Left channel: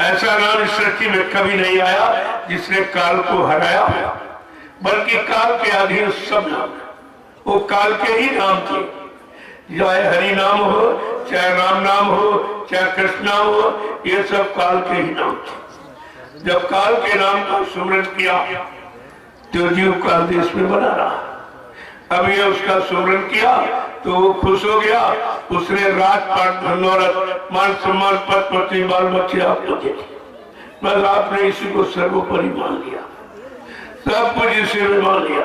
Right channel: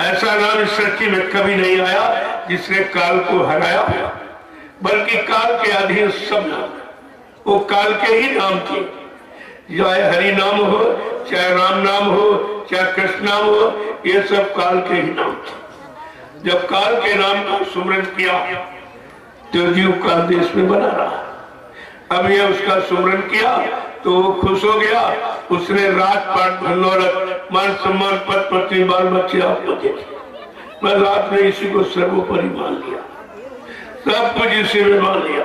ऐसा नाम इस सृष्टि में कभी नहीं आया जिसने काल को हराया, बल्कि काल के अधीन सब नाम, वो काल के ही नाम थे। चाहे हरि नाम हो, चाहे राम नाम हो, चाहे कृष्ण नाम हो, ये सब काल के ही नाम थे। जब काल के नाम का सुमरन किया तो जीव काल देश में बना रहा। अब ये उसका सुमरन किया तो वो खुश हो गया। उसने राजपाट, धन दौलत, मान सम्मान, पद पत्नी, बाल बच्चे आपको देखे, बस आपने इसी को सर्वोपरि मान लिया, सब कुछ इसी में मान लिया।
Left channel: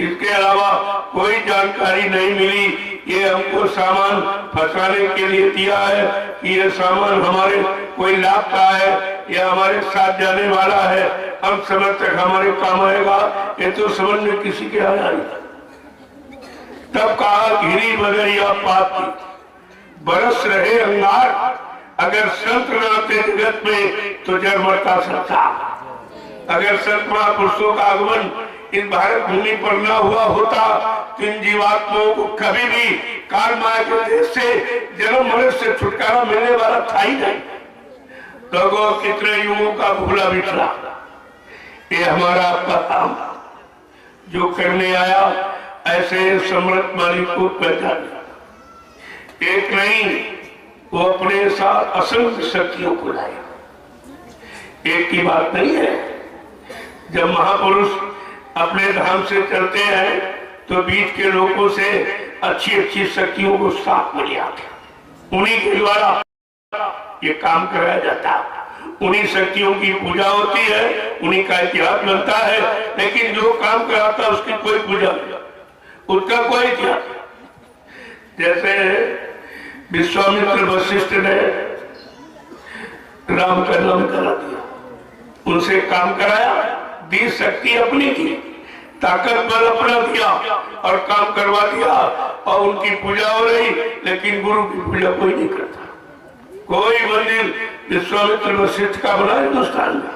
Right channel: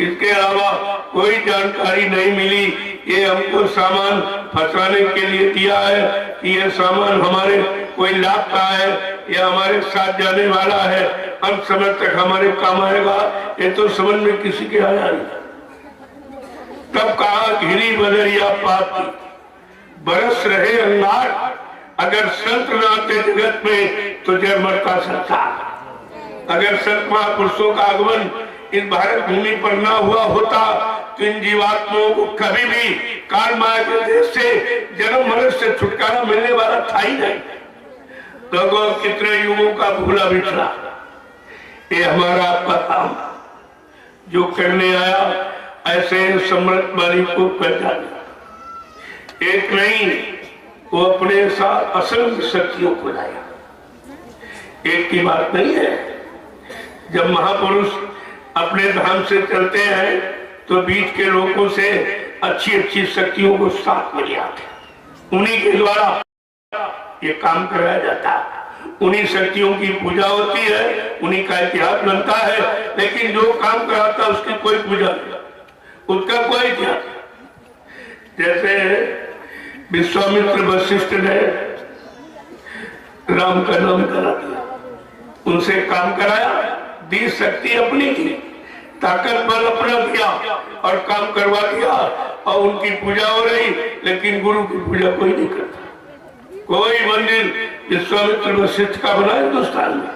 इसके अलावा कोई जानकारी नहीं मिली। ये हमको सामान फंसाने के लिए दिया है कि ये सामान हमारे कोई लाभ का है या हमारे साथ जाने वाला है, हम समय तक हमारे काम आएगा, ये तो समझ में किसी के आया नहीं। तब कहा घिरी बदरिया पापी बरस रहे अंगार, अगर संत न आते जगत में तो जड़ मरता संसार। अगर संत महापुरुषों का आगमन इस भारत भूमि पर न हुआ होता तो इन जीवात्माओं को कभी भी काल माया के देश से, जन्म मरण से छुटकारा मिलने वाला था ही नहीं। तो कितने युगों का भूला बिछड़ा, ये हमारा आपका काम जो करने आया, ऐसे समृद्ध वाली को पहचाना। एक नहीं, वो अपने साथ असंख्य शक्तियों को लाया। एक की बात नहीं है। जब महापुरुष अपने धाम से चलते हैं तो बीच के लोगों से अच्छी अच्छी शक्तियों को साथ में ले आते, उन्हीं के द्वारा ये काम कराया जाता है। उन्हीं शक्तियों की पूजा होती है, उन्हीं का इतिहास बनता है। लेकिन जो काम कराता है उसकी कोई पूजा नहीं, उसका कोई इतिहास। जैसे विश्वामित्र वशिष्ठ ने राम का नाम करा दिया, उनसे काम कराया, दी शक्ति अपनी की, ताकत बल अपना दिया और काम करवा दिया, और उनकी पूजा हो रही। लेकिन गुरु की पूजा कोई नहीं करता। कोई मंदिर विश्वामित्र वशिष्ठ का बना हिंदुस्तान में,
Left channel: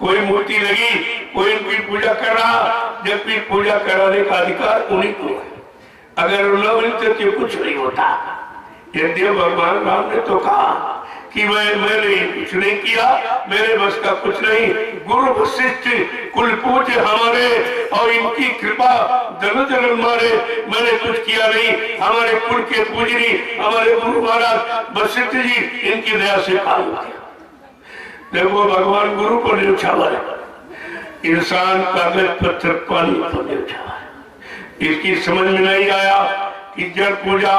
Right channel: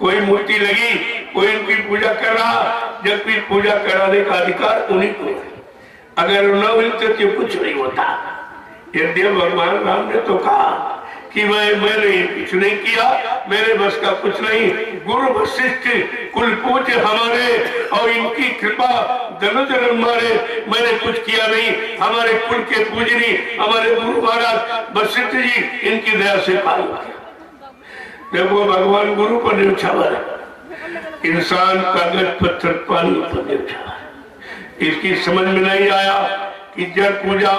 कोई मूर्ति लगी, कोई उनकी पूजा कर रहा, जबकि पूजा कराने का अधिकार उन्हीं को है। अगर न मिलते तो कुछ नहीं होता। यद्यपि भगवान राम ने तो कहा कि मैंने कुछ नहीं किया, मेरे बस का कुछ नहीं, गुरु वशिष्ठ कुल पूज्य हमारे और इनकी कृपा जन्म जन्म मारे, मैंने कुछ किया नहीं, हमारे कुल के पूजनी हमारे गुरु महाराज वशिष्ठ जी, इनकी दया से काम किया। देखो भगवान गुरु पर न्यौछावर है, इंसान कागज पत्थर पानी पर न्यौछावर है। इसकी समझ में नहीं आया कि जड़ पूजा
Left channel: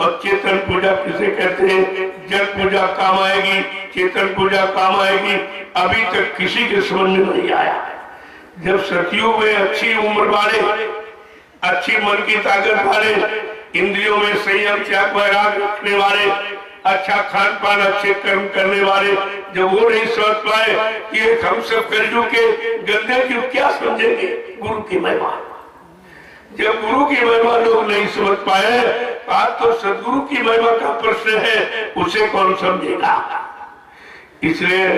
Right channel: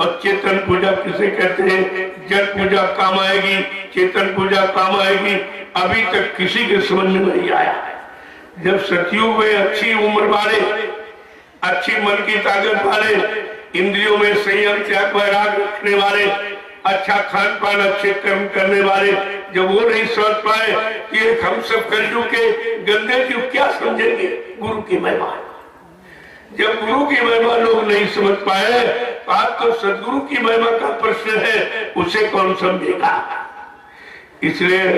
और चेतन पूजा किसे कहते हैं। जड़ पूजा काम आएगी, चेतन पूजा काम आएगी, अभी तक किसी के समझ में नहीं आया। जब सतयुग में अच्छी उम्र वाले, अच्छी मन की ताकत वाले, इंद्रियों में संयम त्याग वैराग रखने वाले, अच्छा खान पान, अच्छे कर्म करने वाले, जब वो नहीं समझ पाए कि हम सब कलयुग के गंदे की क्या समझेंगे गुरु की महिमा। जब गुरु की महिमा लोग नहीं समझ पाए, आज तो सदगुरु की महिमा का प्रश्न है, उसे कौन समझेगा। इसलिए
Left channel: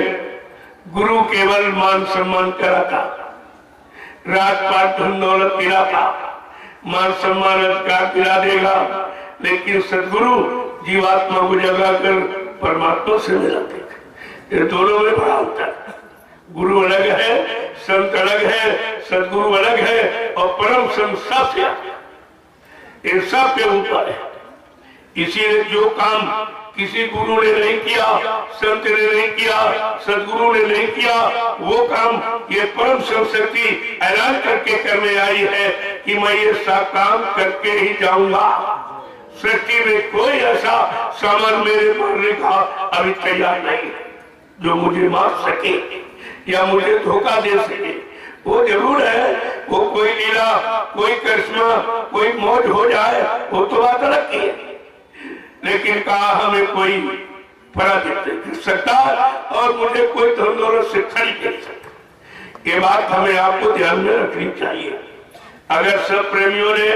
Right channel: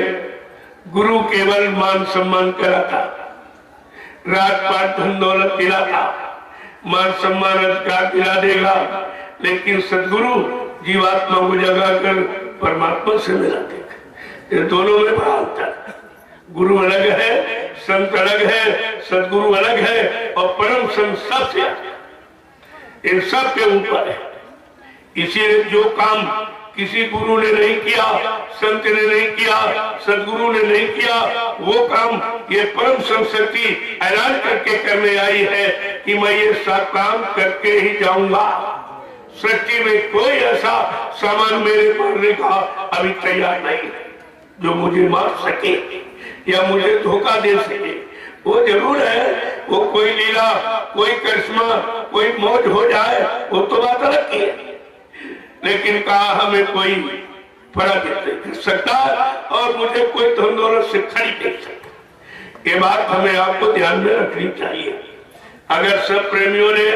गुरु केवल मान सम्मान कराता, राजपाट धन दौलत दिलाता, मान सम्मान अधिकार दिला देगा, लेकिन सदगुरु जीवात्मा को जगाकर परमात्मा से मिलाते। ये दोनों में बड़ा अंतर है। गुरु अलग है, संत अलग है, सदगुरु अलग है, और परम संत सबसे इन सब के ऊपर है। इसीलिए जो काम किसी गुरु ने नहीं किया, संत ने नहीं किया, सदगुरु ने नहीं किया, वो काम ये परम शक्ति ऐलान करके करने आई है कि मैं ये सब काम करके ही जाऊंगा। सृष्टि में कोई ऐसा सामान मेरे मारने का अभी तैयार नहीं है जो मुझे मार सके या मुझे धोखा दे सके। वो जरूर है, वो कोई लीला, कोई करिश्मा, कोई मौज हो जाए, वो तो बात अलग की है। लेकिन कहा हमें कोई पराजित नहीं कर सकता और मुझे कोई धन दौलत से खरीद नहीं सकता। ये बात हमें आपको ध्यान में रखनी चाहिए। अगर सब प्रेमियों ने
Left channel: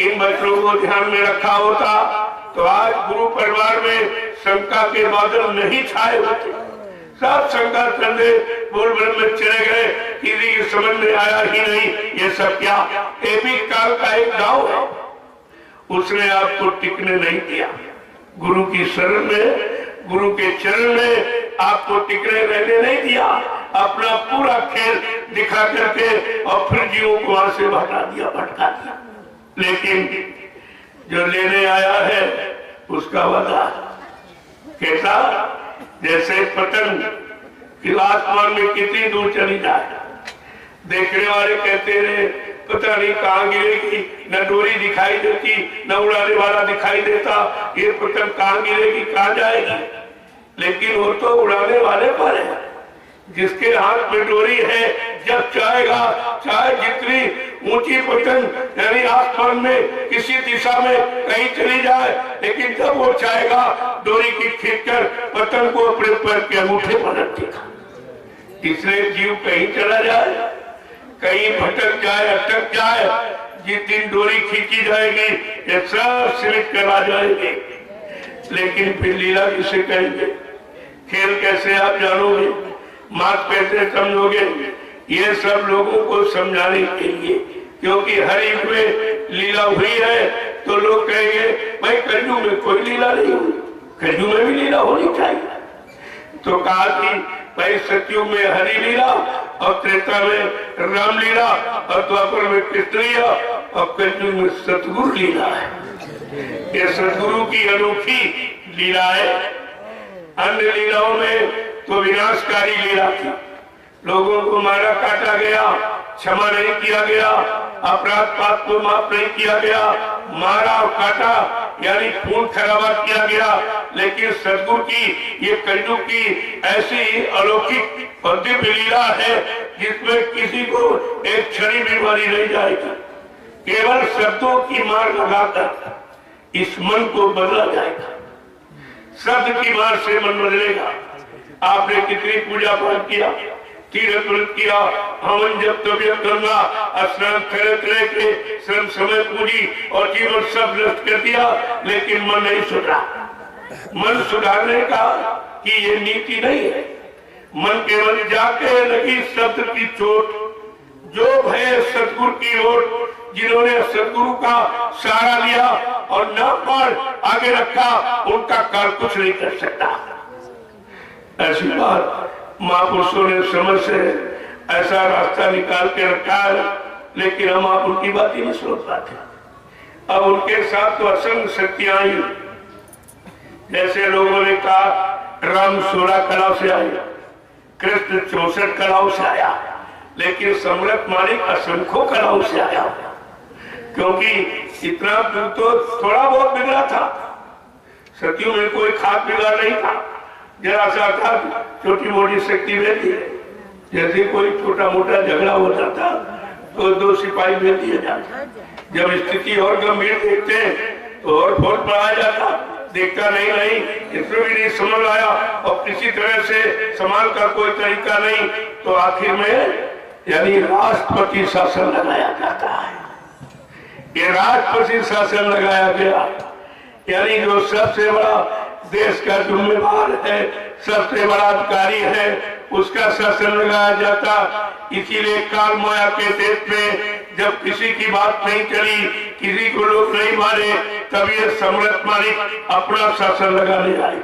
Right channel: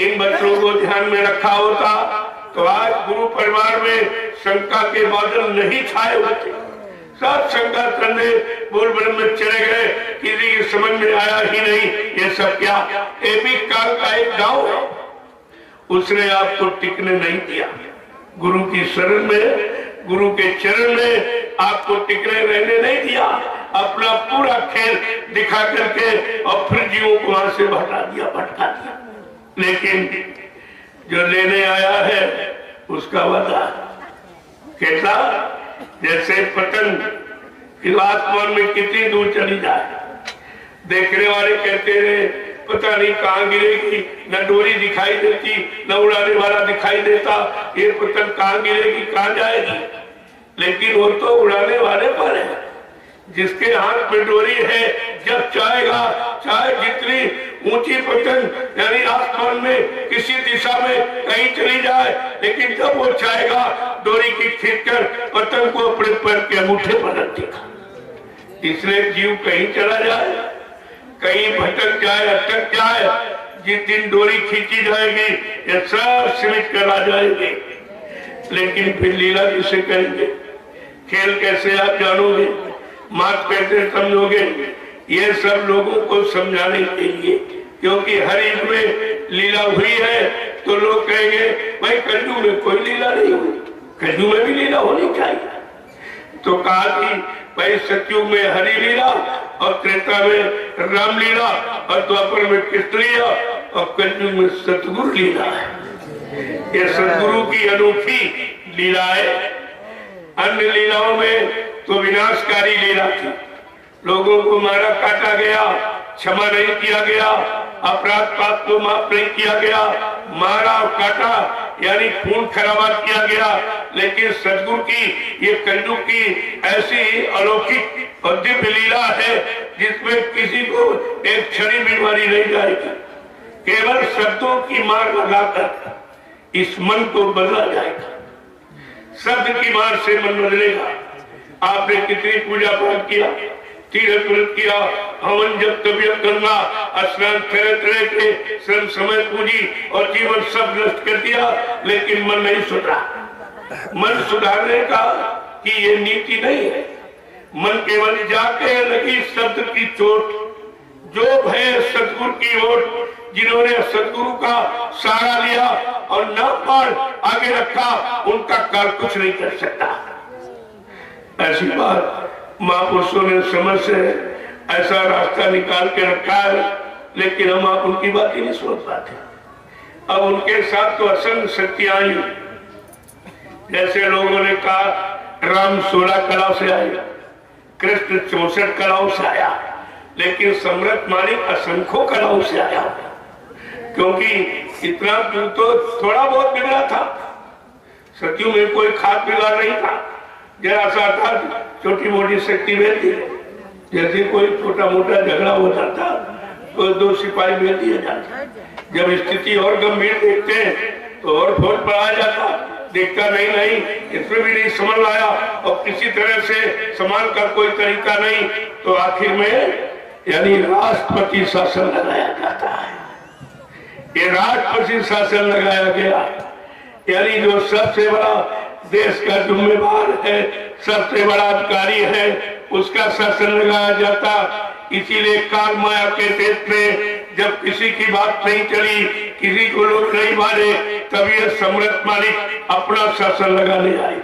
इन बच्चों को ध्यान में रखा होता तो आज गुरु परिवार में शंका के बादल नहीं छाए होते। सब शंका करने बोल ब्रह्म में चले गए, किसी की समझ में आया ही नहीं ये सब क्या। ये भी काल का एक गांव है, उसने आपको टिकने नहीं दिया। गुरु की शरण में, गुरु के चरण में आपको टिकने रहने नहीं दिया, अपना पूरा खेल दिखा करके और फिर जीवों को वहां से भटका दिया। लेकिन जो लेने आया है उसका वादा कैसा, जैसे पतंग कि आसमान में कितनी दूर चली जाए, देखने वाले कहते रहे पता नहीं कहाँ गिरेगी, न डोरी दिखाई देती न उड़ाने वाला दिखाई देता, ये पतंग कहाँ गिरेगी कहाँ जाएगी। लेकिन वो तो उड़ाने वाले पर है, जिसके हाथ में डोरी है, जब चाहेगा चाहे जितनी ऊंची पतंग यानी आसमान में किसी दिशा में कहीं चली जाए, लेकिन जब वो चाहेगा डोरी की खींचकर पतंग को अपने पैर के अंगूठे पर रख देगा। इसलिए जीव कहीं चला जाए, कहीं भटक जाए, अटक जाए, जिस दिन डोरी खींची जाएगी ये सब सिमट कर आ जाएंगे। लेकिन फिर लीला किसे करेंगे, खेल कैसे आप जानोगे, मात कैसे समझोगे, ये सब लोगों को समझाने के लिए, क्योंकि हर युग में लीला हुई है तो लोग कहेंगे भाई कलयुग में कोई लीला नहीं हुई, कलयुग में भी लीला होनी चाहिए। तो कहा कि भाई सतयुग में हरि लीला और त्रेता में राम लीला और द्वापर में कृष्ण लीला और कलयुग में सतगुरु लीला है। ये सतगुरु की अनोखी लीला है। अन्य लीलाओं में तो विनाशकारी लीला थी, लोगों को मारा काटा गया, क्षमा नहीं किया गया, अपराध पाप को माफ नहीं किया गया, मारा और काटा यानी खून खराबा किया गया। लेकिन सतगुरु की ये कलयुग की ऐसी अलौकिक और दिव्य लीला है जिसमें किसी को एक क्षणी बीमारी नहीं जाएगी, केवल शब्दों की मार लगाकर इस मन को बदला जाएगा। शब्द की मार से मन बदलेगा। आपने कितनी पूजा पाठ किया, तीर्थ व्रत किया, हवन जब तबियत करना, स्नान तरह तरह के श्रम समय पूजी और जीवन सब नष्ट कर दिया, लेकिन मन नहीं सुधरा। मन सुधारने का कि ये नीति नहीं है। मन केवल जाके लगी शब्द की चोट, जो भय सतगुरु की ओर, जिन्होंने सतगुरु का सहारा लिया और न पार आगे रखा, उनका काल कुछ नहीं कर सकता। ऐसी बात महापुरुषों ने समझ से ऐसा रास्ता निकाल के रखा है, लेकिन हम आप उनकी बात ही नहीं सोच पाते। अब उनके साथ तो असंख्य शक्तियां आई, जैसे लोगों ने कहा राम 16 कलाओं से आया, कृष्ण 64 कलाओं से आया, लेकिन सम्राट मालिक असंख्यों कलाओं से आया, क्योंकि इतना तो थोड़ा बहुत बिगड़ा था। सतयुग में कोई खास बिगाड़ नहीं था, जरा सा था छोटी मोटी शक्ति मिलती, जैसे कोई छोटा मोटा झगड़ा होता था तो 2 सिपाही मिल दिए जाते। जब स्थिति और गंभीर देखते हैं तो और फौज बढ़ाया जाता, देखता नहीं इसमें भी नहीं समझ आया और किसी तरह से संभाल का कोई तरीका नहीं, तो आखिर में यानी राष्ट्रपति शासन लगाया जाता है। ये राष्ट्रपति शासन लगाया गया, यानी जो सबसे बड़ा देश का जिम्मेदार है, सबसे बड़ा अधिकारी है, उसका शासन लगाया जाता। इसीलिए काल माया के देश में जब किसी की बात नहीं चली, किसी को लोग नहीं मारे, तभी यह सम्राट मालिक अपना शासन लगाने आए।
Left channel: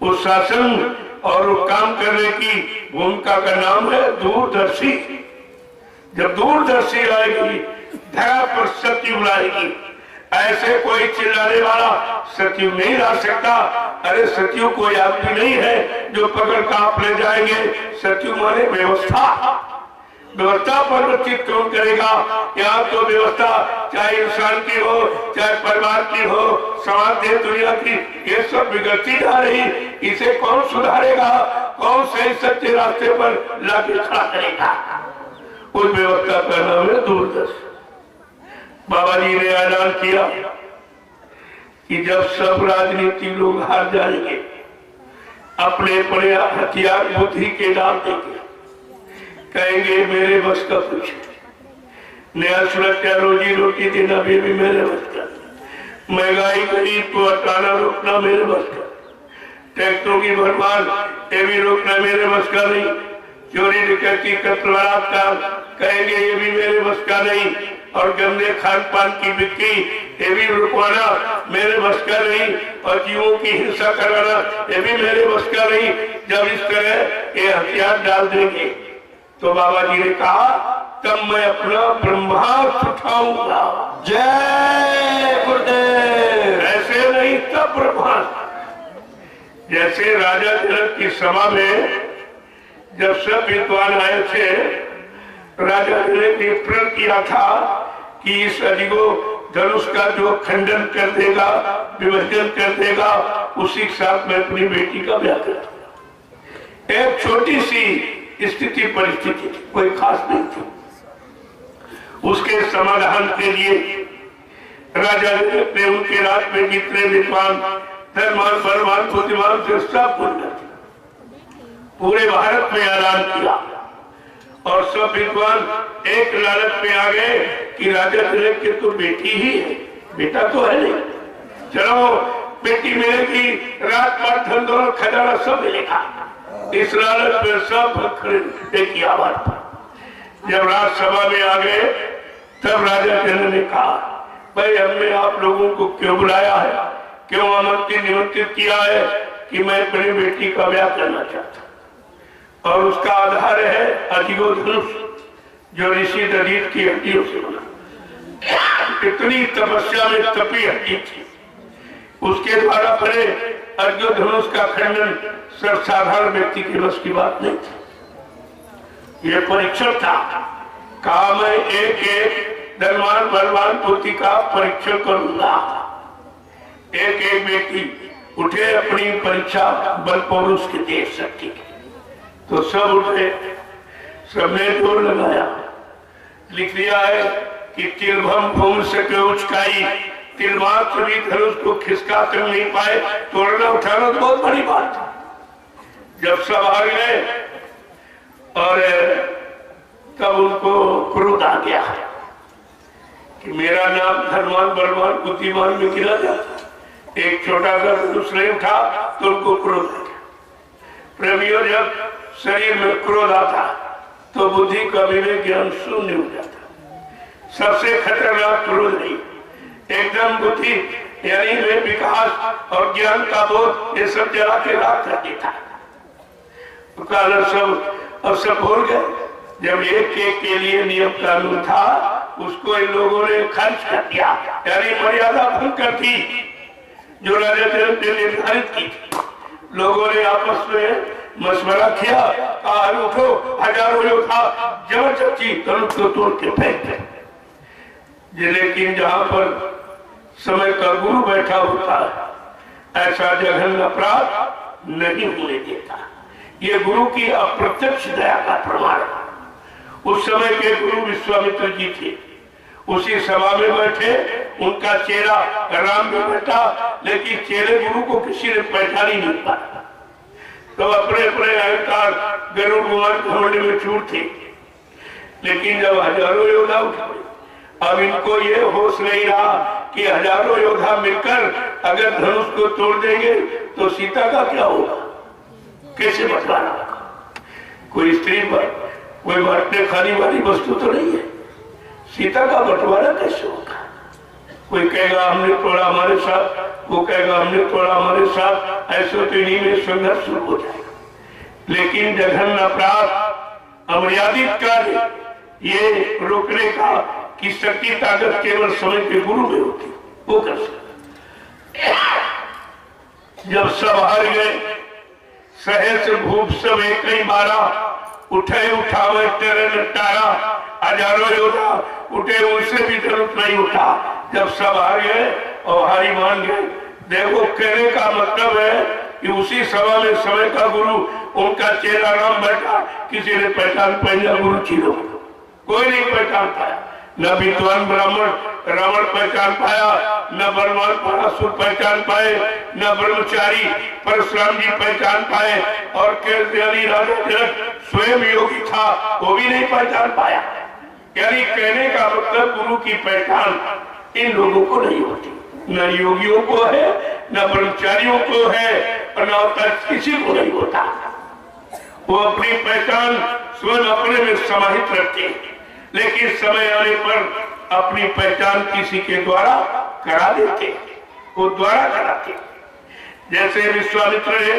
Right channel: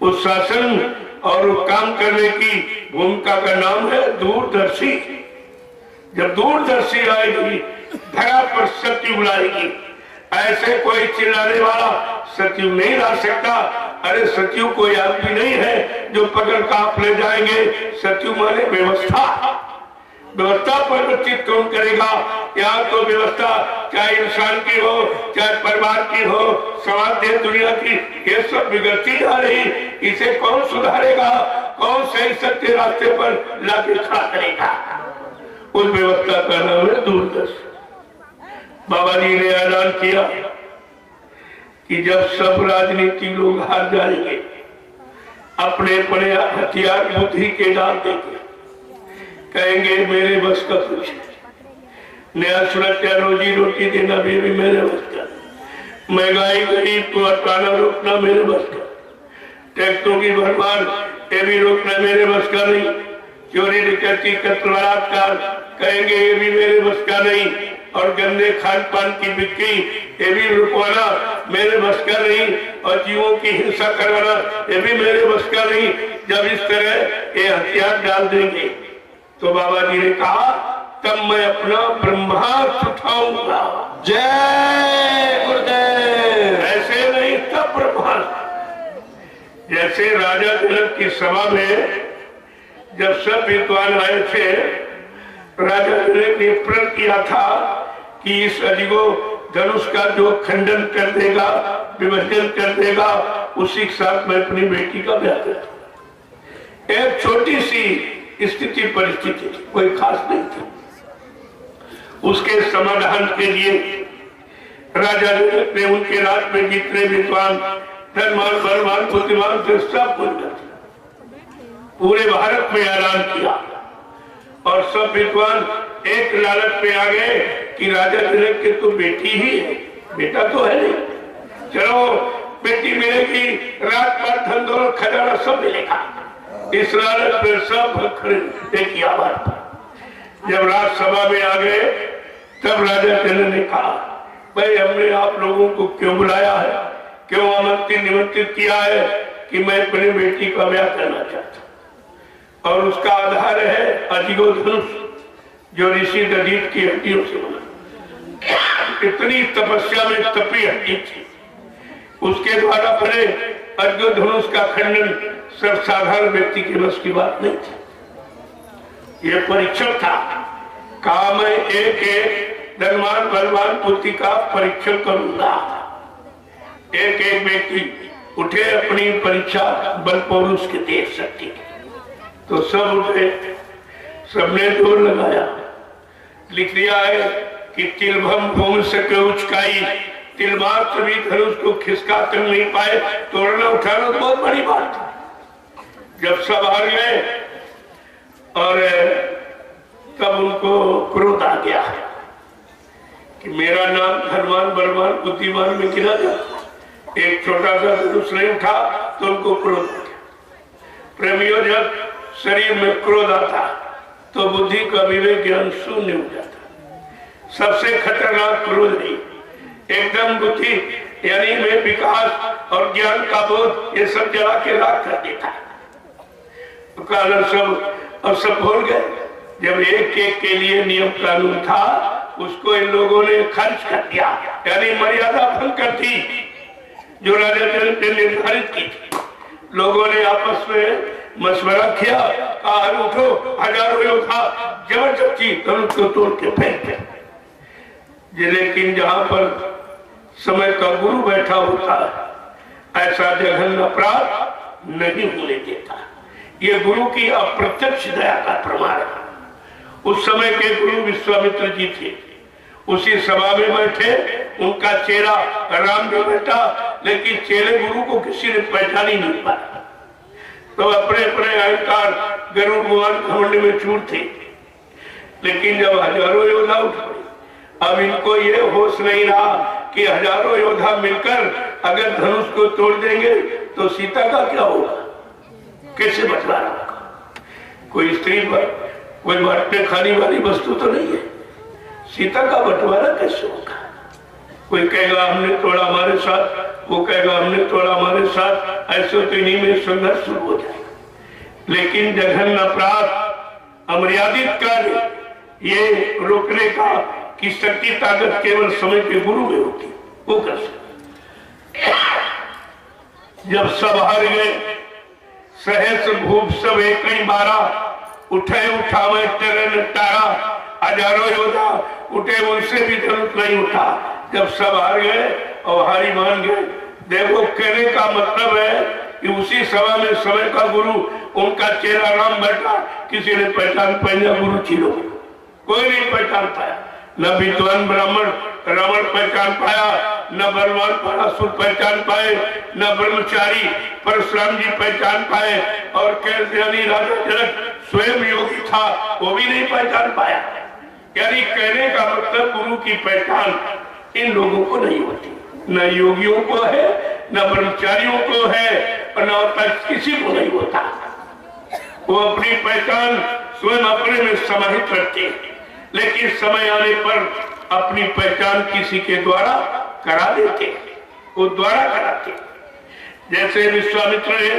उस शासन और काम करने की भूमिका का नाम है दूरदर्शी। जब दूरदर्शी आएगी, धरा पर सत्य बुलाएगी, ऐसे कोई चिल्लाने वाला सतयुग नहीं ला सकता। अरे सतयुग कोई आदमी नहीं है जो पकड़ कांप ले जाएंगे। सतयुग माने व्यवस्था, व्यवस्था परिवर्तित कौन करेगा। यहाँ तो व्यवस्था चाहे इंसान की हो, चाहे परिवार की हो, समाज देश दुनिया की, ये सब बिगड़ती जा रही। इसे कौन सुधारेगा, कौन सही सत्य रास्ते पर लाके खड़ा करेगा। उस व्यवस्था का नाम है दूरदर्शी। बाबा जी ने ऐलान किया कि जब सब राजनीति लोग हार जाएंगे, अपने अपने हथियार बुद्धि के डाल देंगे, कहेंगे मेरे बस का कुछ, नया सुरक्षा रोजी रोटी देना भी मेरे बस का, महंगाई गरीब को हटाना रोकना मेरे बस का, टैक्सों की भरमार ये भी रोकना मेरे बस का नहीं, चोरी डकैती कत्ल बलात्कार कहेंगे ये भी मेरे बस का नहीं, और गंदे खान पान की बिक्री ये भी रुकवाना मेरे बस का नहीं, और जीवों की हिंसा कराना ये भी मेरे बस का नहीं। जब इस तरह ये हथियार डाल देंगे तो बाबा जी ने कहा तब मैं अपना ब्रह्मास्त्र उठाऊंगा। जय गुरुदेव। ऐसे नहीं तब ब्रह्मास्त्र। जैसे राजा जनक की सभा में जब सब विद्वान आए थे, राजा जनक ने प्रण किया था कि इस अजगो धनुष का जो खंडन कर देगा, विभाजन कर देगा, उसी के साथ मैं अपनी बेटी का ब्याह करूं। एक छोटी सी स्थिति परिस्थिति, कोई खास नहीं थी। उसके समाधान के लिए राजा जनक ने उनके राज में जितने विद्वान, धर्मवान, बलवान, बुद्धिमान थे सब पूरे भारत में ऐलान किया, और सब विद्वान एक लालच में आ गए कि राजा जनक की तो बेटी ही है, बेटा तो है नहीं, चलो बेटी मिलेगी, रात पर धन दौलत खजाना सब मिलेगा। इस लालच में सब खरीदने की आवाज पर जब राज्यसभा में आ गए तब राजा जनक ने कहा भाई हमने आप लोगों को क्यों बुलाया है, क्यों आमंत्रित निमंत्रित किया है कि मैं अपनी बेटी का ब्याह करना चाहता हूं, और उसका आधार है अजगो धनुष जो ऋषि दधीच की हड्डियों से बना। इतनी तपस्या में तपी हड्डी थी, उसके द्वारा बने अजगो धनुष का खंडन सर्वसाधारण व्यक्ति के बस की बात नहीं थी। ये परीक्षण था। कहा मैं एक एक धनवान बलवान पुत्री का परीक्षण करूंगा। एक एक व्यक्ति उठे अपनी परीक्षा बल पौरुष के दे सकती, तो सब उठे, सबने जोर लगाया। लिख दिया है कि तिलभम भूमि सके उचकाई, तिल मात्र भी धनुष को खिसका कर नहीं पाए, तोड़ना उठाना तो बहुत बड़ी बात है। जब सब हार गए और तब उनको क्रोध आ गया कि मेरा नाम धनवान बलवान बुद्धिमान में गिरा जाता, एक छोटा सा धनुष नहीं उठा तो उनको क्रोध आ गया। प्रेमियों, जब शरीर में क्रोध आता तो बुद्धि का विवेक ज्ञान शून्य हो जाता। सबसे खतरनाक क्रोध नहीं, एकदम बुद्धि यानी में विकास और ज्ञान का बोध ये सब जला के राख कर देता। तो कारण सब भूल गए। जब एक एक के लिए नियम कानून था उसको इन लोगों ने खर्च कर दिया, यानी मर्यादा भंग कर दी जो राजा जनक ने निर्धारित की थी। लोगों ने आपस में मशवरा किया, उठो हजारों योद्धा जबरदस्ती धनुष को तोड़ के फेंक दे। लेकिन जहां पर समय का गुरु बैठा होता है ऐसा जघन्य अपराध नहीं होने देता। ये गुरु की अप्रत्यक्ष दया का प्रमाण है। उस समय के गुरु विश्वामित्र जी थे, उसी सभा में बैठे, उनका चेला राम जो बैठा, लेकिन चेले गुरु को किसी ने पहचान ही नहीं पाया। तो अपने अपने अहंकार गरुड़ घमंड में चूर थे। लेकिन जब हजारों योद्धा उठ पड़े, अब इनको ये होश नहीं रहा कि हजारों योद्धा मिलकर अगर धनुष को तोड़ देंगे तो सीता का क्या होगा, कैसे बंटवारा होगा। कोई स्त्री पर कोई बांटने खाने वाली वस्तु तो नहीं है, सीता का बंटवारा कैसे होगा। कोई कहेगा हमने तोड़ा हमारे साथ, वो कहेगा हमने तोड़ा हमारे साथ, ऐसे तो इन्हीं में संघर्ष शुरू हो जाएगा। लेकिन जघन्य अपराध अमर्यादित कार्य ये रोकने का की शक्ति ताकत केवल समय के गुरु में होती, वो कर सकते। जब सब हार गए, सहस्र भूप सब एक नहीं मारा, उठे उठावे तेरे तारा, हजारों योद्धा उठे उनसे भी धनुष नहीं उठा। जब सब हार गए और हारी मान गए, देखो कहने का मतलब है कि उसी सभा में समय का गुरु उनका चेला राम बैठा, किसी ने पहचान पाई गुरु चिरो, कोई नहीं पहचान पाया। न विद्वान ब्राह्मण रावण पहचान पाया, न बलवान पराशुर पहचान पाए, न ब्रह्मचारी परशुराम जी पहचान पाए, और केसरी राजा जनक स्वयं योगी था, वो भी नहीं पहचान पाया। यानी कहने का मतलब गुरु की पहचान इन लोगों को नहीं होती, न योगियों को है, न ब्रह्मचारियों को है, और न किसी को नहीं होता। वो अपनी पहचान स्वयं अपने में समाहित रखते हैं, लेकिन समय आने पर अपनी पहचान किसी के द्वारा करा देते, वो द्वारा कराते। जैसे विश्वामित्र ने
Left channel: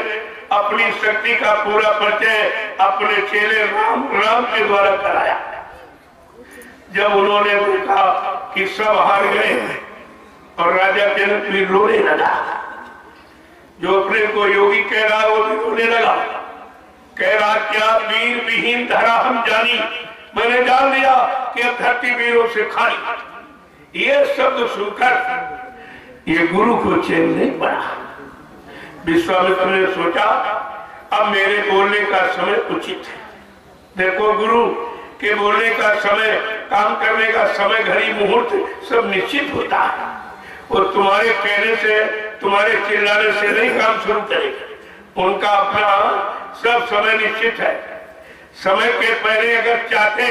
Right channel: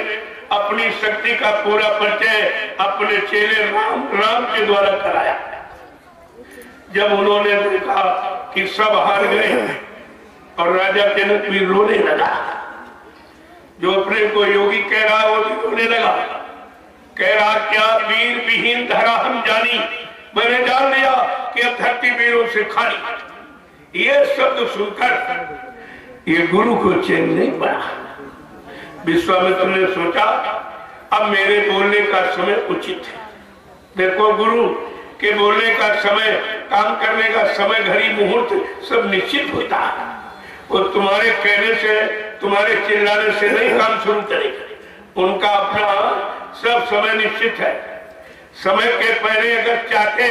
अपनी शक्ति का पूरा परिचय अपने चेले राम के द्वारा कराया। जब उन्होंने देखा कि सब हार गए और राजा जनक भी रोने लगा, जो अपने को योगी कह रहा है वो भी रोने लगा, कह रहा क्या वीर विहीन धरा हम जानी, मैंने जान लिया कि अब धरती वीरों से खाली। ये शब्द सुनकर ये गुरु को चैन नहीं पड़ा। विश्वामित्र ने सोचा अब मेरे बोलने का समय उचित है। देखो गुरु के बोलने का समय, काम करने का समय, घड़ी मुहूर्त सब निश्चित होता है, और तुम्हारे कहने से, तुम्हारे चिल्लाने से नहीं काम शुरू करेगा। उनका अपना सब समय निश्चित है। समय के पहले अगर चाहते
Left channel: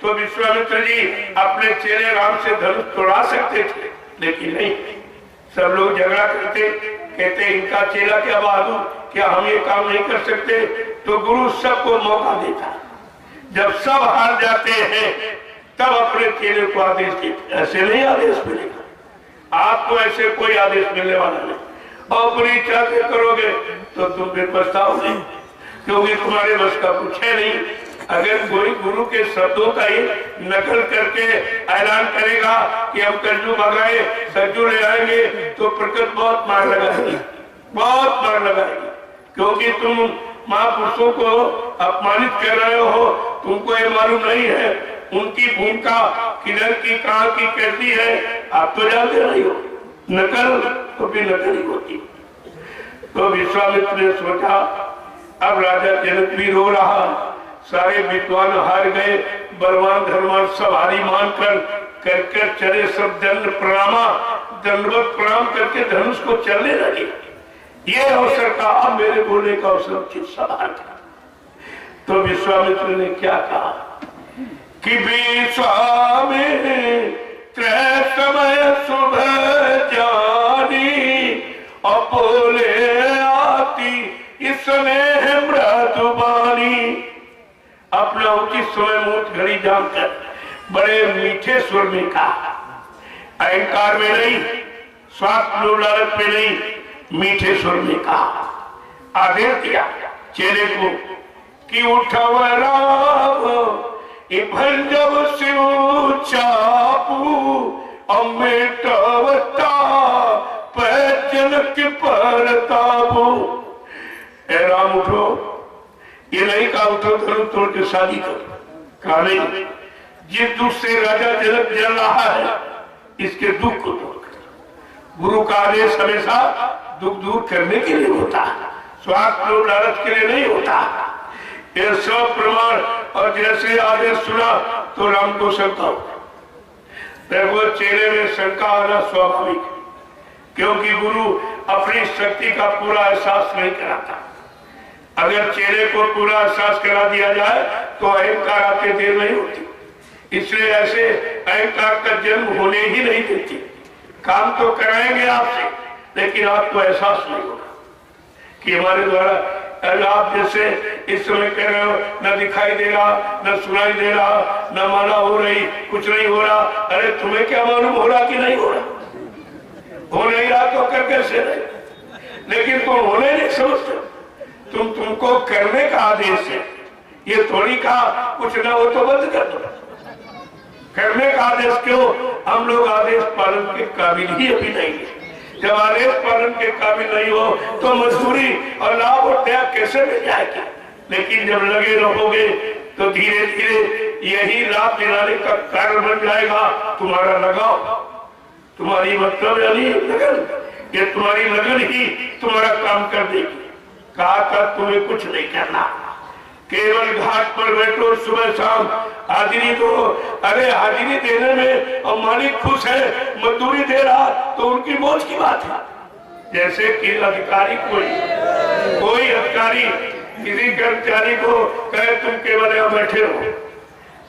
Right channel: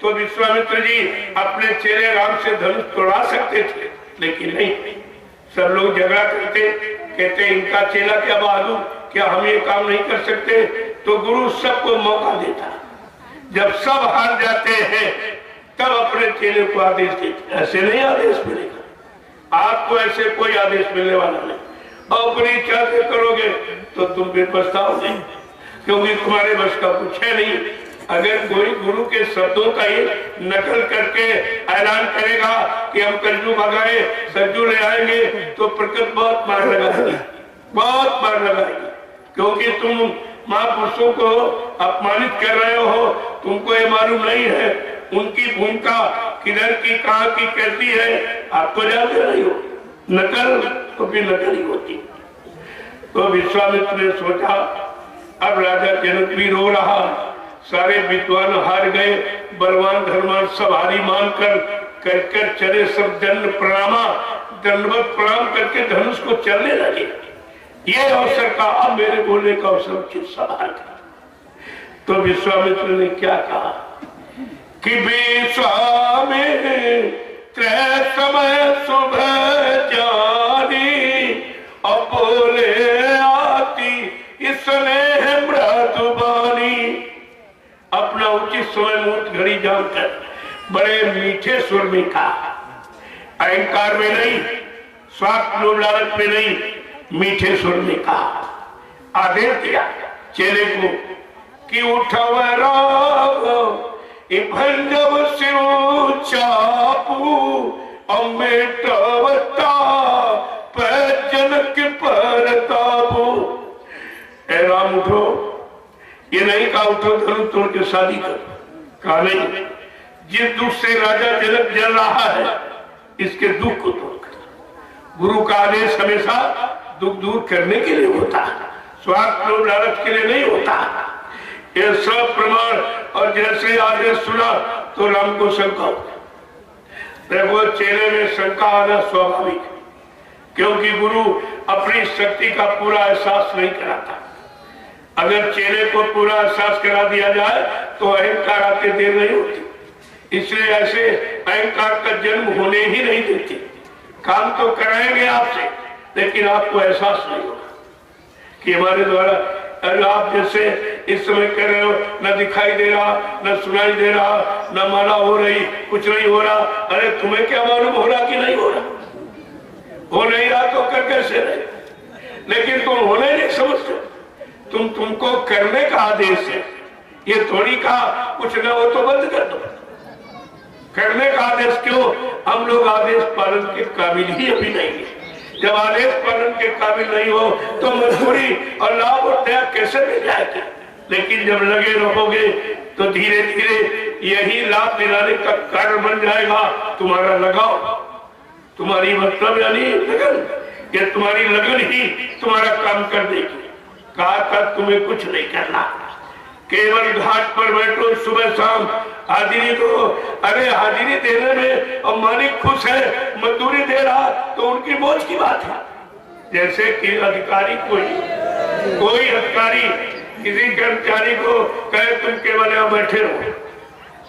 तो विश्वामित्र जी अपने चेले राम से धनुष तोड़ा सकते थे, लेकिन नहीं। सब लोग झगड़ा करते, कहते इनका चेला क्या बहादुर, क्या हम ये काम नहीं कर सकते? तो गुरु सबको मौका देता। जब सब हार जाते हैं तब अपने चेले को आदेश देते। ऐसे नहीं आदेश मिलेगा आपको, ऐसे कोई आदेश मिलने वाला नहीं। और अपनी इच्छा से करोगे तो तुम फिर पछताओगे, क्योंकि तुम्हारे बस का कुछ है नहीं। अगर कोई गुरु के शब्दों का ही नकल करके ऐलान करेगा कि हम कज्जू भगाए, कज्जू ले आएंगे, तो प्रकृति बहुत मार लगाएगी, बहुत मार लगाएगी। क्योंकि तुम महापुरुषों को अपमानित कर रहे हो, तुमको ये मालूम नहीं है उनकी भूमिका किधर की कहाँ की कैसी है, आप तो जानते रही हो। नकल तो फिर नकल ही होती। तो विश्वामित्र ने सोचा अब राजा जनक भी रो रहा, सारे विद्वान हार गए, बलवान धर्मान सब हारी मानकर कर चले, सब दंडवत प्रणाम करके धनुष को चलने लगे। ये अवसर का अब मेरे बोलने का अवसर उचित सवाल था। तो विश्वामित्र ने क्या कहा कि विश्वामित्र समय सुबह जानी और बोले आती इसने मृदुबानी। अपना उचित समय मुहूर्त घड़ी जानकर बड़े मीठे स्वर में कहा, अहंकार में नहीं, स्वार्थ लोभ लालच में नहीं, मीठे स्वर में कहा। आदेश दिया चेले को कि उठव राम भंजव शिव चापू अमेटवता जनक परतापू। ए राम उठो, ये नहीं कहा उठो धनुष तोड़ के शादी करो, कहा नहीं, जिस दुख से राजा जनक जल रहा है इसके दुख को तोड़कर। गुरु का आदेश हमेशा दुख दूर करने के लिए होता है, स्वार्थ लोभ लालच के लिए नहीं होता। ये सब प्रमाण, और जैसे आदेश सुना तो राम को शंका हो। देखो चेले में शंका आना स्वाभाविक, क्योंकि गुरु अपनी शक्ति का पूरा एहसास नहीं कराता। अगर चेले को पूरा एहसास करा दिया जाए तो अहंकार आते देर नहीं होती। इसलिए ऐसे अहंकार का जन्म होने ही नहीं देते। काम तो कराएंगे आपसे, लेकिन आपको एहसास नहीं होगा कि हमारे द्वारा, अगर आप जैसे इस समय कह रहे हो न दिखाई दे रहा, न सुनाई दे रहा, न माना हो रही, कुछ नहीं हो रहा। अरे तुम्हें क्या मालूम हो रहा कि नहीं हो रहा? हो नहीं रहा तो कर कैसे नहीं? लेकिन तुम होने नहीं समझते, तुमको करने का आदेश है। ये थोड़ी कहा कुछ ना हो तो बंद कर दो। करने का आदेश क्यों? हम लोग आदेश पालन के काबिल ही अभी नहीं है। जब आदेश पालन के काबिल नहीं हो तो मजबूरी और लाभ और त्याग कैसे मिल जाएगा? लेकिन जब लगे रहोगे तो धीरे धीरे यही लाभ दिलाने का कारण बन जाएगा तुम्हारा लगाव, तुम्हारी मतलब यानी लगन। ये तुम्हारी लगन ही तुम्हारा काम कर देगी। कहा था तुम्हें कुछ नहीं करना, केवल घाट पर बैठो सुबह शाम हाजिरी दो। अरे हाजिरी देने में और मालिक खुश है, मजदूरी दे रहा तो उनकी मौज की बात है। जैसे कि अधिकारी कोई अधिकारी किसी कर्मचारी को कहे तुम केवल यहाँ बैठे रहो,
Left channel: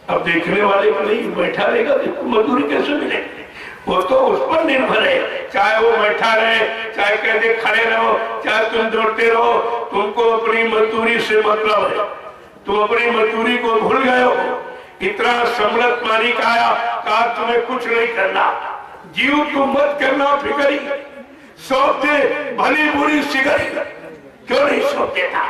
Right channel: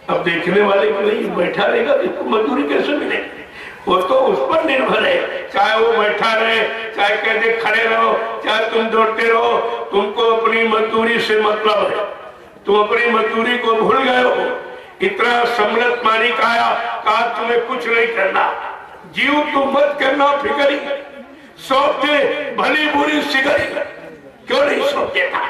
अब देखने वाले को नहीं बैठा रहेगा तो मजदूरी कैसे मिलेगी? वो तो उस पर निर्भर है, चाहे वो बैठा रहे, चाहे कहते खड़े रहो, चाहे तुम दौड़ते रहो, तुमको अपनी मजदूरी से मतलब है। तुम अपनी मजदूरी को भूल गए हो। इतना सम्राट मालिक आया, कहा तुम्हें कुछ नहीं करना, जीव को मत करना फिक्री, सौंप दे भली बुरी सिगरी, क्यों नहीं सौंप देता?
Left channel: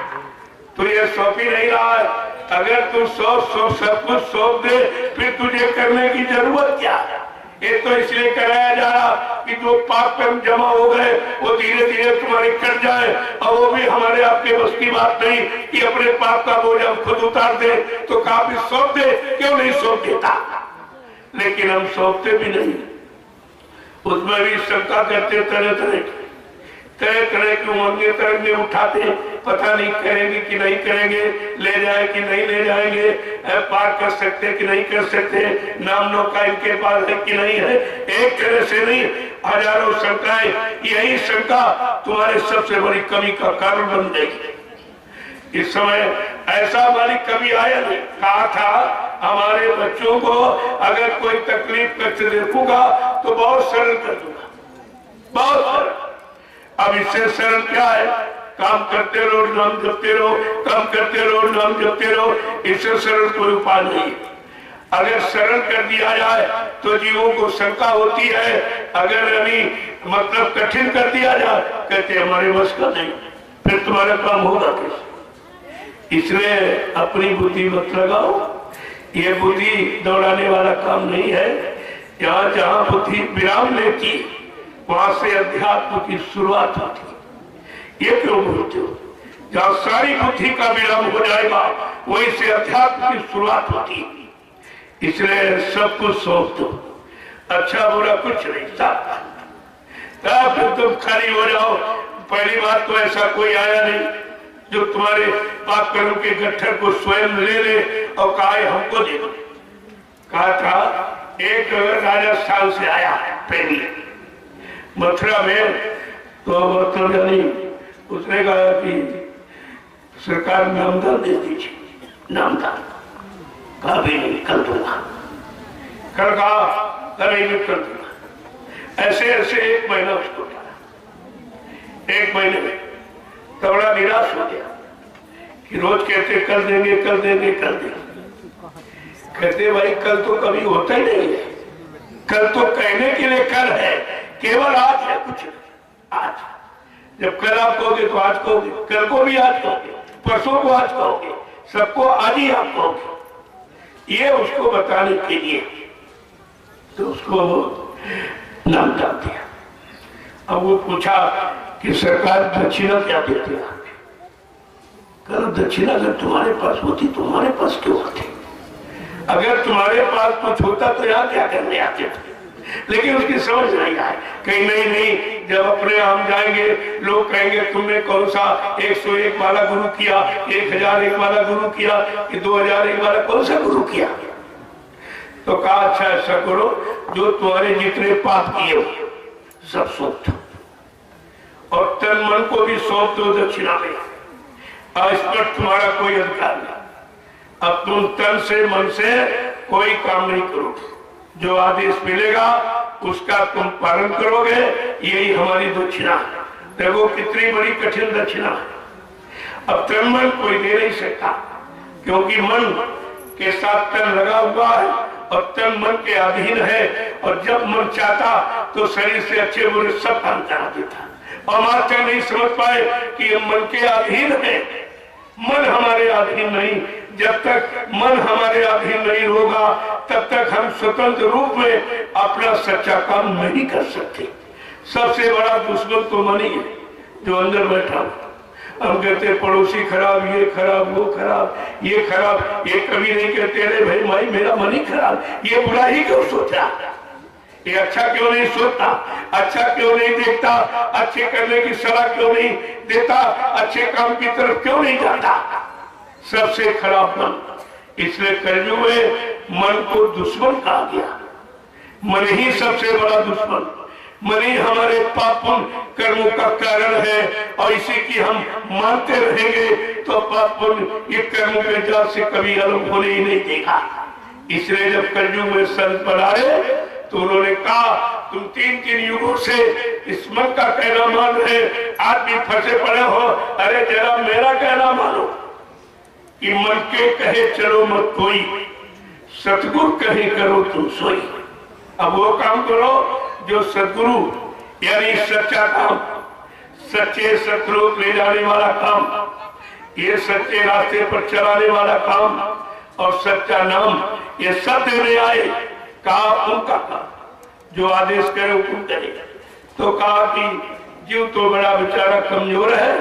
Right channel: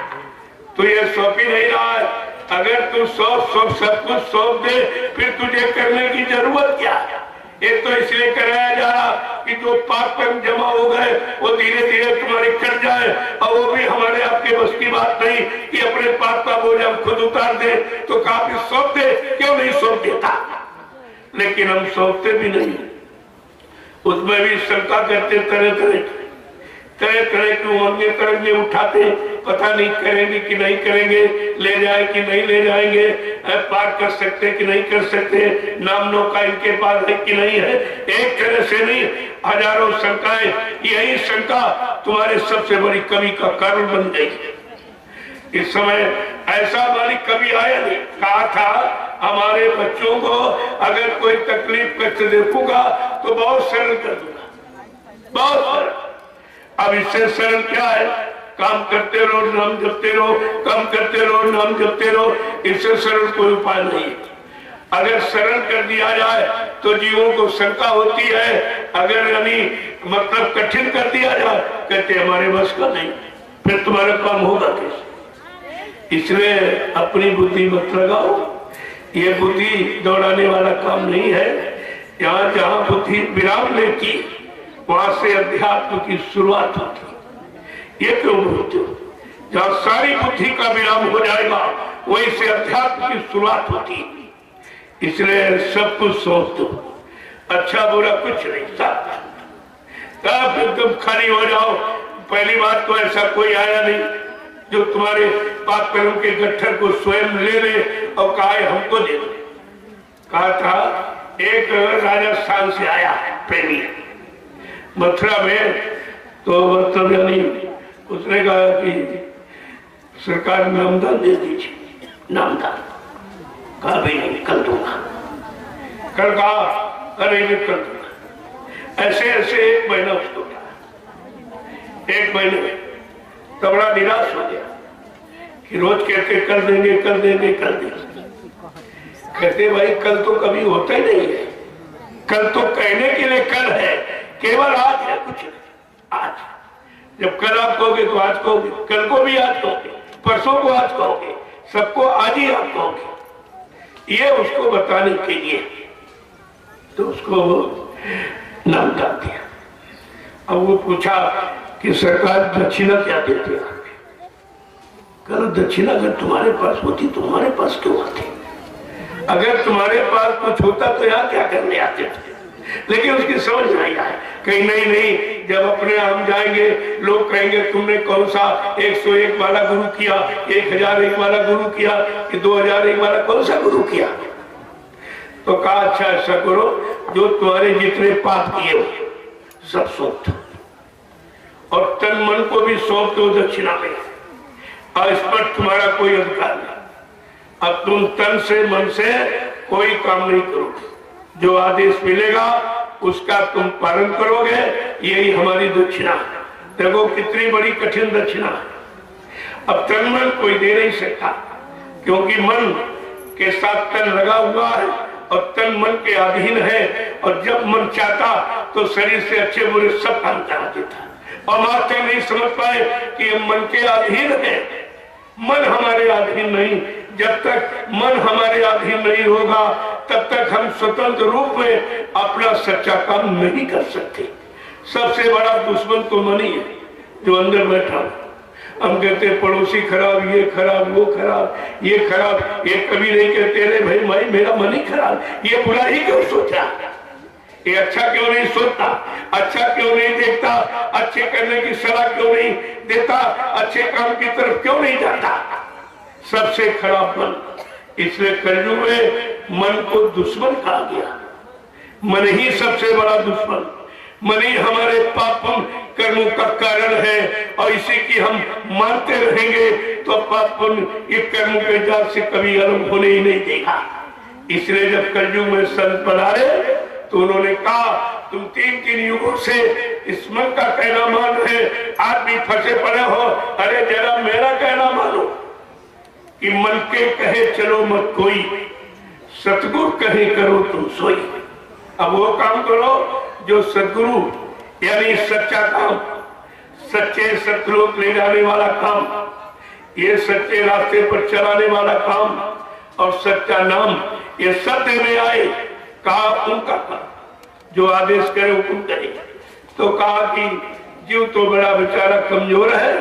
तो ये सौंप ही नहीं रहा है। अगर तू सब कुछ सौंप दे, फिर तुझे करने की जरूरत क्या है? एक तो इसलिए कराया जा रहा कि जो पाप कर्म जमा हो गए वो धीरे धीरे तुम्हारे कट जाए, और वो भी हमारे आपके बस की बात नहीं कि अपने पाप का बोझ हम खुद उतार दे। तो काफी सौंप दे, क्यों नहीं सौंप देता? लेकिन हम सौंपते भी नहीं, उसमें भी शंका करते, तरह तरह की उमंगे तरंगे उठाते, पता नहीं करेंगे कि नहीं करेंगे, ले जाए कि नहीं ले जाएंगे, पार कर सकते कि नहीं कर सकते, नाम नौका इनके पास है कि नहीं है। एक तरह से नहीं, हजारों शंकाएं, यही शंका तुम्हारे सबसे बड़ी कमी का कारण बन गई। इस समय ऐसा हमारी कभी आया नहीं, कहा था हमारे बच्चों को अगर कोई तकलीफ कष्ट देखूंगा तो बहुत सरल कर दूंगा, बहुत सरल। अब इससे सरल क्या है? काम करते रहो, नाम जपते रहो, काम करते रहो, नाम जपते रहो, इससे सरल कोई उपाय नहीं। अगर सरल कर दिया जाए तो जीवों को शंका होती है, अगर यानी मतलब कठिन कर दिया जाए कहते हमारे बस का नहीं, फिर तुम्हारा काम होगा कैसे? इसलिए अपनी बुद्धि मत लगाओ, ये बुद्धि दौड़ाने वाला काम नहीं है। यहाँ जहाँ बुद्धि विराम लेती वहां से अध्यात्म की शुरुआत होती। ये क्यों बोलते हो? जहाँ सारी बुद्धि का विराम हो जाएगा वहीं से अध्यात्म की शुरुआत होती। इसलिए सब कुछ सौंप दो, अच्छा बुरा कुछ नहीं, साफ फिर तुम खाली हो जाओ। पहली बात तो ऐसा कोई आया नहीं जो तुम्हारे पाप कर्म के गट्ठर को स्वयं ले ले और कहा हमको दे दो। कहा था एक राजस्थान से आया प्रेमी मथुरा में, तो मतलब यानी उसने कहा कि सरकार नामदान दे दीजिए, नामदान। कहा भी नहीं, कल दूंगा। कल कहा कल कर दूंगा। ऐसे ऐसे एक महीना उसको था। एक महीने में तो बड़ा निराश हो गया कि रोज कहते कर देंगे कर देंगे कर देंगे, कहते भाई कल तो कभी होता ही नहीं है, कल तो कहने के लिए कल है, केवल आज है, कुछ आज। जब कल आप कहोगे तो आज कहोगे, कल को भी आज कहोगे, परसों को आज कहोगे, सबको आज ही आप कहोगे। ये उसको बताने के लिए तो उसको नाम डाल दिया। अब वो पूछा कि सरकार दक्षिणा क्या देती है? कल दक्षिणा अगर तुम्हारे पास होती तुम्हारे पास क्यों आती? अगर तुम्हारे पास कुछ होता तो यहाँ क्या करने आते थे? लेकिन उसकी समझ नहीं आए, कहीं नहीं, जब अपने हम जाएंगे लोग कहेंगे तुमने कौन सा 101 वाला गुरु किया, 1001 वाला गुरु किया कि 2001 वाला कौन सा गुरु किया? तो कहा अच्छा ऐसा करो, जो तुम्हारे जितने पाप किए हो सब सौंप दो, और तन मन को भी सौंप दो दक्षिणा में। आज पर तुम्हारा कोई अधिकार नहीं। अब तुम तन से मन से कोई काम नहीं करोगे, जो आदेश मिलेगा उसका तुम पालन करोगे, यही हमारी दक्षिणा है। देखो कितनी बड़ी कठिन दक्षिणा है। अब तन मन कोई दे नहीं सकता, क्योंकि मन के साथ तन लगा हुआ है और तन मन के अधीन है, और जब मन चाहता तो शरीर से अच्छे बुरे सब काम करा देता, और मात्र नहीं समझ पाए कि मन के अधीन है। मन हमारे अधीन नहीं, जब तक मन हमारे अधीन नहीं होगा तब तक हम स्वतंत्र रूप में अपना सच्चा काम नहीं कर सकते। सबसे बड़ा दुश्मन तो मन ही है जो अंदर बैठा। हम कहते पड़ोसी खराब, ये खराब, वो खराब, ये खराब, ये कभी नहीं कहते अरे भाई मेरा मन ही खराब, ये बुरा ही क्यों सोचा, ये अच्छा क्यों नहीं सोचता, अच्छा क्यों नहीं देखता, अच्छे करने की सलाह क्यों नहीं देता, अच्छे काम की तरफ क्यों नहीं जाता? सबसे खराब मन। इसलिए कलयुग में मन को दुश्मन कहा गया। मन ही सबसे बड़ा दुश्मन, मन ही हमारे पाप कर्मों का कारण है, और इसी की हम मानते रहेंगे तो पाप ये कर्म के जाल से कभी अलग होने ही नहीं देगा। इसलिए जब कलयुग में संत पधारे तो उन्होंने कहा तुम 3 युगों से इस मन का कहना मान रहे, आज भी फंसे पड़े हो, अरे जरा मेरा कहना मानो कि मन के कहे चलो मत कोई, सतगुरु कहे करो तुम सोई। अब वो काम करो जो सदगुरु यानी सच्चा काम, सच्चे सतलोक ले जाने वाला काम, ये सच्चे रास्ते पर चलाने वाला काम और सच्चा नाम, ये सत्य में आए, कहा उनका काम, जो आदेश करे हुकुम करे। तो कहा कि जीव तो बड़ा बेचारा कमजोर है,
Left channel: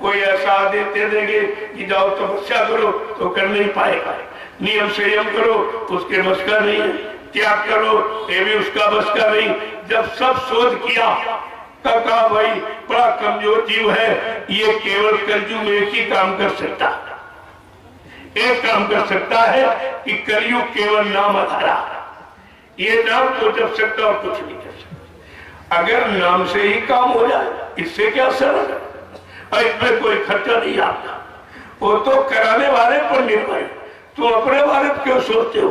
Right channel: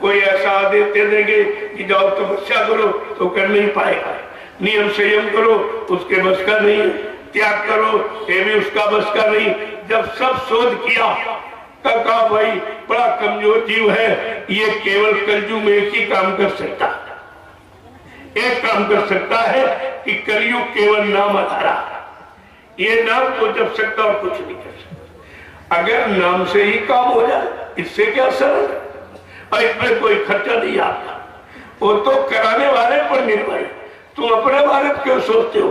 कोई ऐसा आदेश दे देंगे कि जाओ तपस्या करो तो कर नहीं पाएगा, नियम संयम करो उसके बस का नहीं, त्याग करो ये भी उसका बस का नहीं। जब सब शोध किया तब कहा भाई बड़ा कमजोर जीव है, ये केवल कलयुग में एक ही काम कर सकता है, एक काम कर सकता है कि कलयुग केवल नाम आधारा, ये नाम को जप सकता और कुछ नहीं कर सकता। अगर नाम से ही काम हो जाए इससे क्या सरल, और इसमें कोई खर्चा नहीं आता, वो तो कराने वाले पर निर्भर है। तुम अपने बारे में क्यों सोचते हो?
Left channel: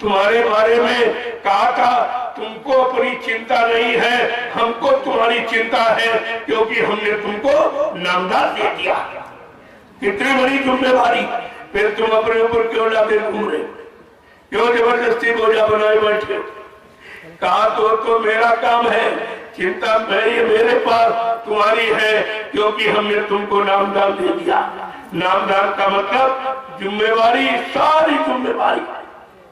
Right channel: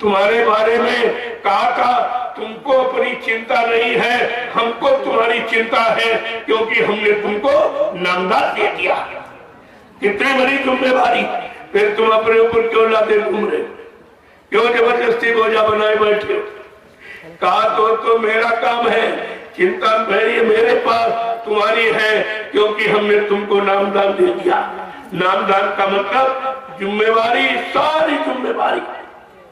तुम्हारे बारे में कहा था तुमको अपनी चिंता नहीं है, हमको तुम्हारी चिंता है, क्योंकि हमने तुमको नामदान दे दिया। कितनी बड़ी जिम्मेवारी, फिर तुम अपने ऊपर क्यों लाते घूम रहे, क्यों जबरदस्ती बोझा बनाए बैठे हो? कहा तो मेरा काम है, चिंता मेरे पास तुम्हारी है, क्योंकि हमने तुमको नामदान दे दिया। नामदान का मतलब जिम्मेवारी, सारी जिम्मेवारी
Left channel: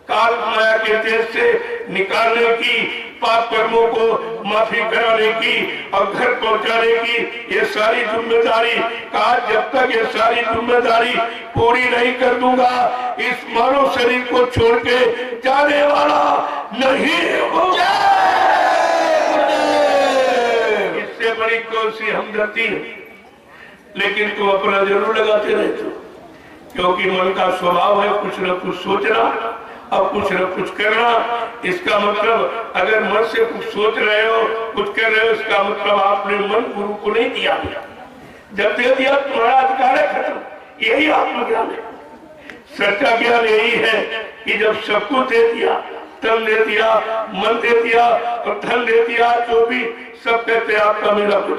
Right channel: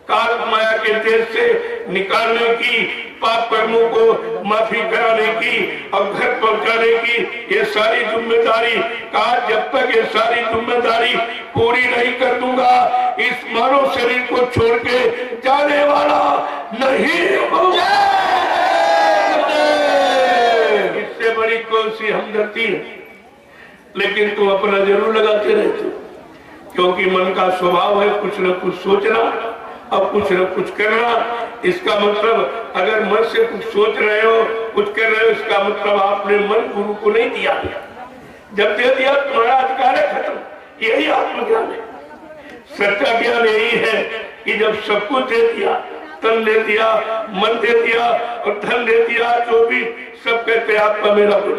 काल माया के देश से निकालने की, पाप कर्मों को माफी कराने की और घर पहुंचाने की, ये सारी जिम्मेदारी। कहा जब तक ये सारी जिम्मेदारी पूरी नहीं कर दूंगा इस मानव शरीर को छोड़ के जाने वाला नहीं हूं। इससे बड़ी कौन सी हमदर्दी है, लेकिन तुम अपना जरूर लगाते रहते हो, क्योंकि मन का स्वभाव है कुछ न कुछ सोचना और कुछ न कुछ करना। इसका मतलब अगर मन से कुछ सोच रहे हो, कुछ कर रहे हो, इसका मतलब आपने मन गुरु को नहीं दिया। जब दे दिया तुम्हारा अधिकार है खत्म। यही आत्मज्ञान है, सच्चा ज्ञान यही है कि जब सब कुछ दे दिया, तन दे दिया, मन दे दिया और धन दे दिया, जो भी सब कहते आपका मेरा कुछ